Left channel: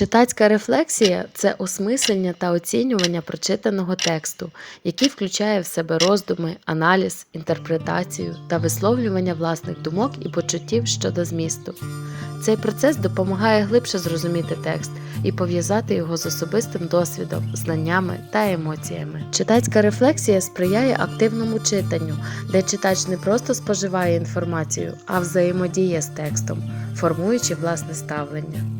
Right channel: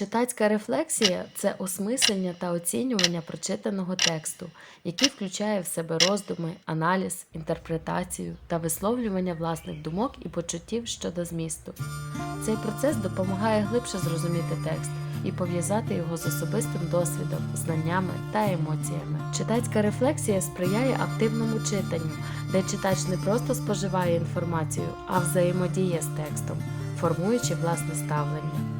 Читацька рефлексія це осмислення та оцінювання прочитаного тексту, який включає в себе роздуми, аналіз, інтерпретацію та висловлювання власних думок і почуттів щодо змісту. Цей процес допомагає глибше зрозуміти текст і пов'язати його з особистим досвідом, знаннями та емоціями. Читацька рефлексія сприяє активному читанню, де читач не просто споживає інформацію, а взаємодіє з текстом, формуючи власне ставлення.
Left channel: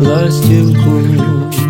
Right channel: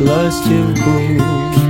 ластівку.